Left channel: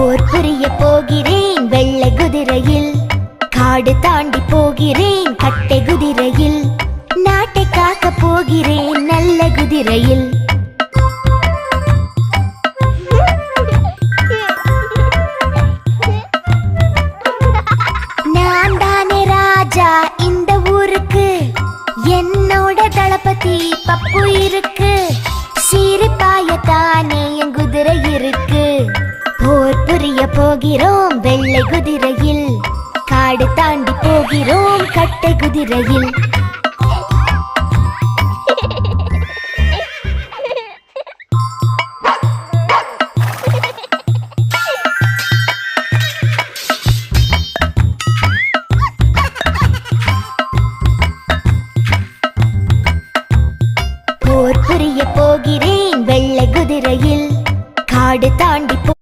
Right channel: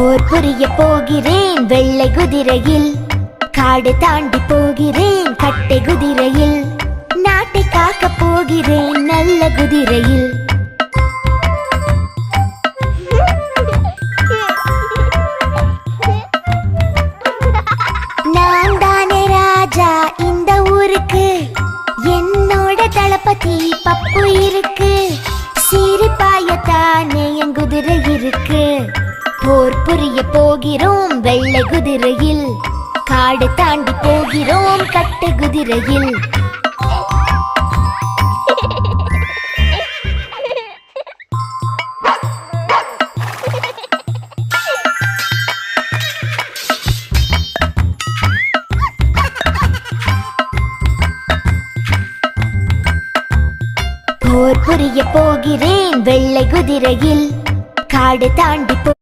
போர் புரிய போகிறேன். வெள்ளை குதிரையில் காடு தாண்டி போகிறேன். போகிறோம் வெள்ளை குதிரையில். காடு தாண்டி போகிறோம் கட்டை குதிரையில். போகிறேன் வெள்ளை குதிரையில். காடு தாண்டி